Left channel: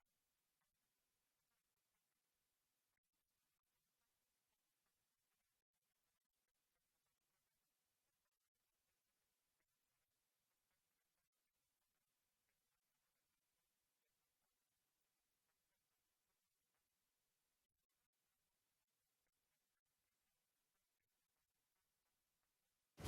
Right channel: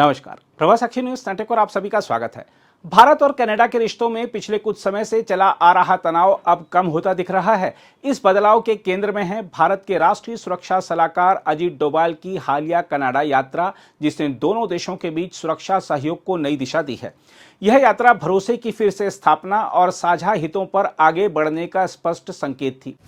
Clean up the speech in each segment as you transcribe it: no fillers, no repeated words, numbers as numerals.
नमस्कार, प्रवास साक्षी news network और आप सभी का स्वागत है। भारत और कनाडा के रिश्तों में पिछले कुछ समय से चला आ रहा तनाव अब कम होता दिख रहा है। इस बदलाव के केंद्र में है भारत के राष्ट्रीय सुरक्षा सलाहकार अजीत डोभाल की हालिया कनाडा यात्रा, जिसने दोनों देशों के बीच सुरक्षा सहयोग को नई दिशा दी है। यह यात्रा भरोसे की फिर से स्थापना और साझा हितों पर आगे बढ़ने का स्पष्ट संकेत थी।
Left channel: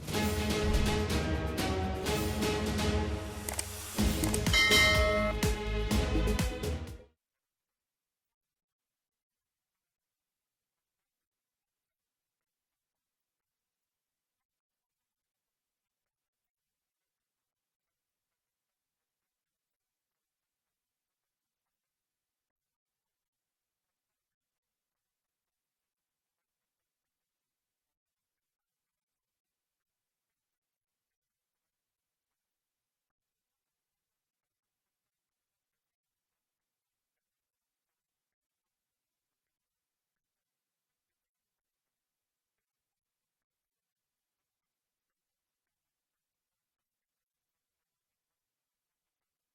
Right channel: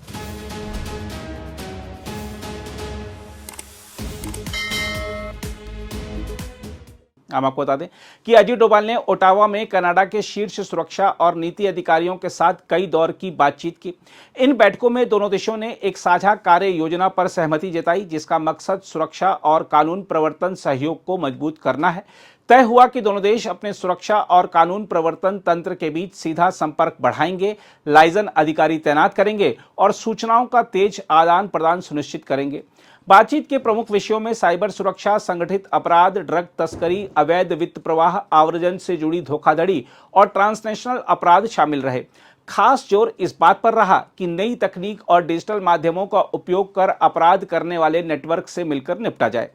हम आपको बता दें कि अजीत डोभाल ने ओटावा में कनाडा के शीर्ष सुरक्षा और नीति अधिकारियों के साथ कई दौर की बातचीत की। इन बैठकों में दोनों देशों ने एक साझा कार्य योजना पर सहमति जताई, जिसका मकसद सुरक्षा और कानून प्रवर्तन सहयोग को मजबूत करना है। तय हुआ कि दोनों देश अपने सुरक्षा और कानून प्रवर्तन तंत्र के बीच सीधा संपर्क बढ़ाएंगे, लाइजन अधिकारी तैनात करेंगे और सूचनाओं का तेज आदान प्रदान सुनिश्चित करेंगे। बातचीत के प्रमुख विषयों में साइबर सुरक्षा, संगठित अपराध, ड्रग तस्करी, अवैध वित्त प्रवाह, आव्रजन से जुड़ी धोखाधड़ी और ट्रांसनेशनल अपराध शामिल रहे। खास जोर इस बात पर रहा कि नई तकनीक और डिजिटल माध्यमों का उपयोग कर अपराध करने वाले नेटवर्क से मिलकर निपटा जाए।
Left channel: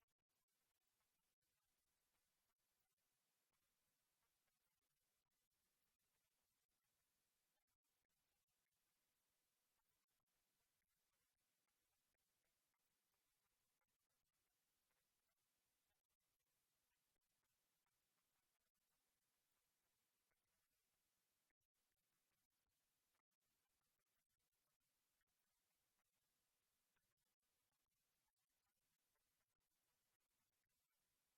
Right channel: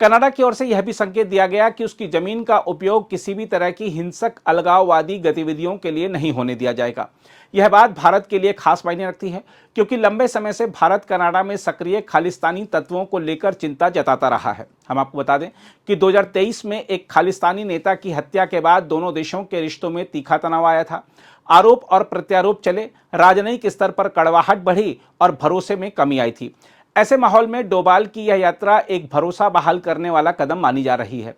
कनाडा की ओर से यह भी संकेत दिया गया कि उसकी जमीन का उपयोग किसी भी तरह की हिंसक अलगाववादी गतिविधियों के लिए नहीं होने दिया जाएगा। यह बात भारत के लिए खास मायने रखती है, क्योंकि लंबे समय से भारत कनाडा में सक्रिय खालिस्तानी तत्वों को लेकर चिंता जताता रहा है। हम आपको बता दें कि 2023 में एक खालिस्तानी नेता की हत्या के बाद दोनों देशों के रिश्तों में तीखा तनाव आया था। आरोप और प्रत्यारोप चले, राजनयिक स्तर पर कड़वाहट बढ़ी और भरोसे में कमी आई थी। ऐसे माहौल में डोभाल की यह यात्रा एक भरोसा बहाल करने वाला कदम मानी जा रही है।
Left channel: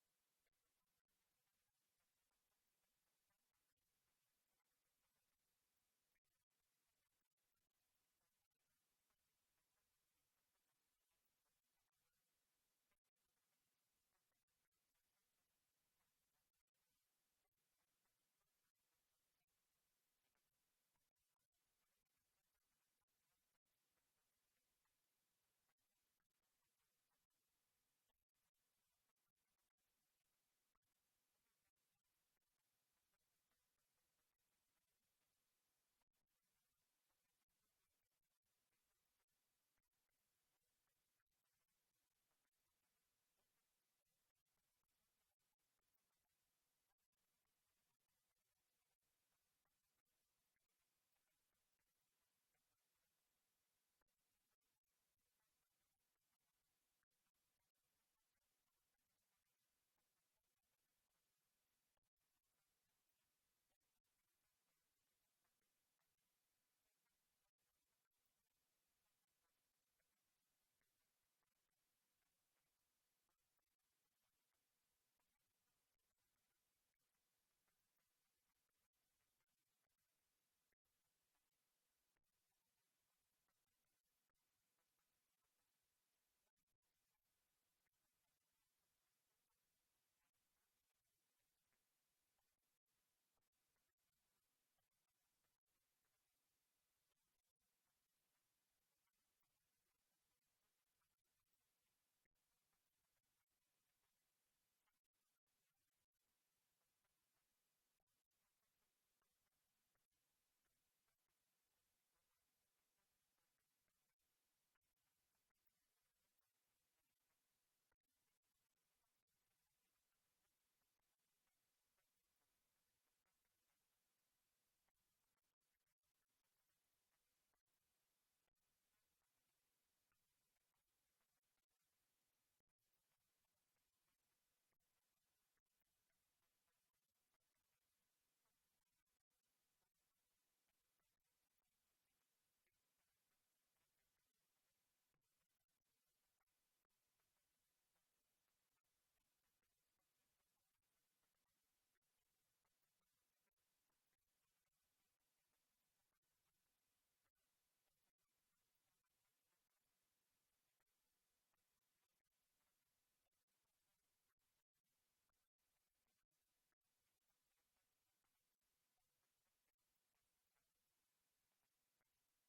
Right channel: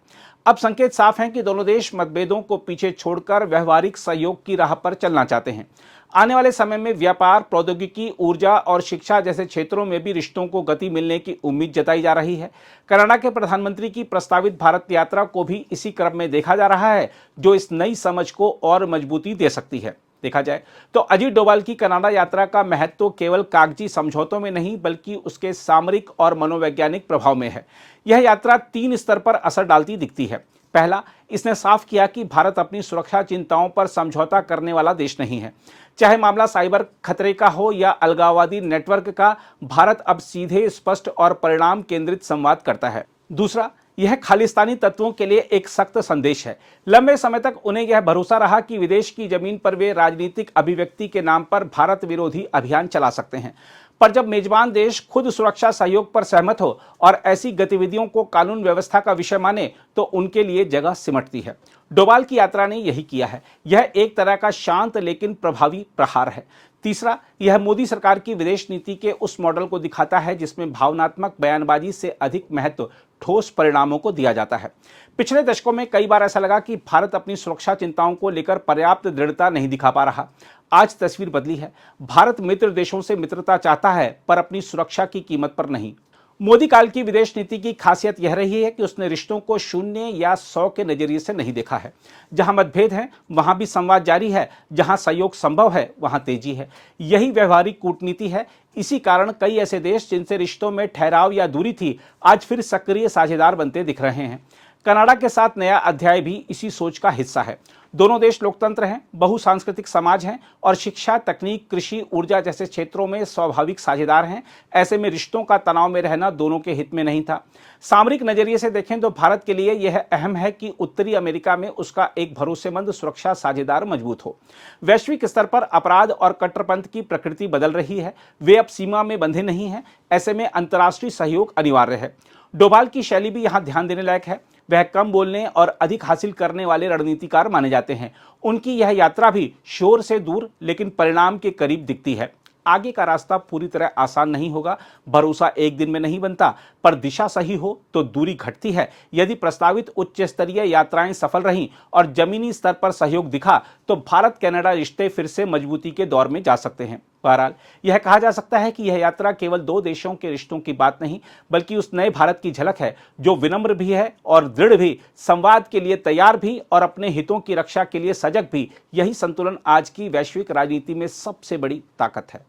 अब संकेत साफ हैं कि दोनों देश मतभेदों को पीछे छोड़कर व्यवहारिक सहयोग की राह पर चलना चाहते हैं। आने वाले समय में व्यापार, प्रौद्योगिकी, ऊर्जा और शिक्षा जैसे क्षेत्रों में भी रिश्तों को गति मिलने की उम्मीद जताई जा रही है। कनाडा के प्रधानमंत्री की प्रस्तावित भारत यात्रा को भी इसी क्रम में देखा जा रहा है, जो इस नई समझ को और मजबूती दे सकती है। देखा जाए तो अजीत डोभाल की कनाडा यात्रा का महत्व केवल कागजी समझौतों में नहीं, बल्कि उसके सामरिक और मनोवैज्ञानिक प्रभाव में है। यह यात्रा 3 स्तर पर असर डालती दिखती है। पहला, इसने साफ किया कि भारत अपनी सुरक्षा चिंताओं पर समझौता करने वाला देश नहीं है। चाहे मामला साइबर खतरे का हो या अलगाववादी नेटवर्क का, भारत अब सीधे, स्पष्ट और परिणाम केंद्रित संवाद करता है। दूसरा, यह खालिस्तानी तत्वों के लिए एक सख्त संदेश है। लंबे समय तक उन्हें यह भरोसा रहा कि विदेश की जमीन पर वे राजनीतिक अभिव्यक्ति के नाम पर भारत विरोधी अभियान चला सकते हैं। पर जब मेजबान देश खुद सुरक्षा सहयोग पर सहमत हो और ऐसी गतिविधियों को कानून व्यवस्था का विषय माने, तो उनके लिए जगह सिमटती है। डोभाल की यात्रा ने यही किया है। यह एक तरह का शांत लेकिन प्रभावी प्रहार है। तीसरा, यह मोदी सरकार की विदेश नीति के उस मॉडल को दिखाता है जिसमें भावनात्मक बयानबाजी से अधिक महत्व ठोस परिणामों को दिया जाता है। पिछले दशकों में कई बार ऐसा लगा कि भारत अपनी सुरक्षा चिंताओं को लेकर पर्याप्त दृढ़ता नहीं दिखा पा रहा। आज तस्वीर बदली है। भारत मित्र देशों से मित्रता चाहता है, पर अपनी सुरक्षा की कीमत पर नहीं। मोदी काल की विदेश नीति की खासियत यह रही है कि उसने रिश्तों को 0 या 100 के नजरिए से नहीं देखा है। जहां मतभेद है वहां भी संवाद जारी है, जहां सहयोग संभव है वहां तेजी है। यही व्यवहारिक कूटनीति है। इसी कारण कई ऐसे देश जिनसे रिश्तों में ठहराव या दूरी थी, आज फिर सक्रिय साझेदार बनते दिख रहे हैं। कनाडा के साथ नया अध्याय भी इसी सोच का हिस्सा है। दोनों देश लोकतंत्र हैं, बहुसांस्कृतिक समाज हैं और शिक्षा, तकनीक, कृषि, ऊर्जा जैसे क्षेत्रों में स्वाभाविक साझेदार हैं। ऐसे में रिश्तों का तनाव में रहना दोनों के हित में नहीं था। सामरिक नजरिए से देखें तो भारत के लिए यह अहम है कि उत्तरी अमेरिका में उसका एक भरोसेमंद सुरक्षा साझेदार मजबूत हो। वैश्विक स्तर पर अपराध और कट्टरपंथ की प्रकृति बदल रही है। वे अब सीमा में बंधे नहीं हैं। ऐसे में अंतर्राष्ट्रीय सहयोग अनिवार्य है। डोभाल की शैली भी यहाँ ध्यान देने लायक है। वह कम बोलने और अधिक हासिल करने वाले रणनीतिकार माने जाते हैं। उनकी यह यात्रा भी शोर से दूर लेकिन परिणाम के करीब दिखती है। आगे का रास्ता पूरी तरह आसान नहीं होगा। भरोसा एक दिन में नहीं बनता, पर दिशा सही हो तो दूरी घटती है। यदि प्रस्तावित उच्च स्तरीय यात्राएं सफल रहीं और जमीनी स्तर पर सहयोग दिखा, तो भारत कनाडा रिश्ते फिर से मजबूती के दौर में जा सकते हैं। बहरहाल, यह कहा जा सकता है कि यह यात्रा केवल 2 देशों के रिश्तों की बात नहीं, बल्कि उस नए भारत की झलक है, जो विनम्र भी है और दृढ़ भी, संवाद के लिए तैयार भी और अपने हितों की रक्षा के लिए सजग भी। यही संतुलन आज की वैश्विक राजनीति में सबसे बड़ी ताकत है।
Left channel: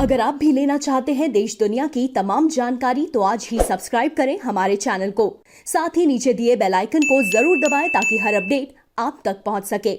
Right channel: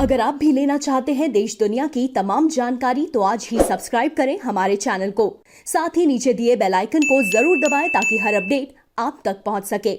अगर आप भी लेना चाहते हैं देश दुनिया की तमाम जानकारी, तो आज ही सब्सक्राइब करें हमारे चैनल को। साथ ही नीचे दिए बेल आइकन को जरूर दबाएं ताकि हर अपडेट आप तक पहुंच सके।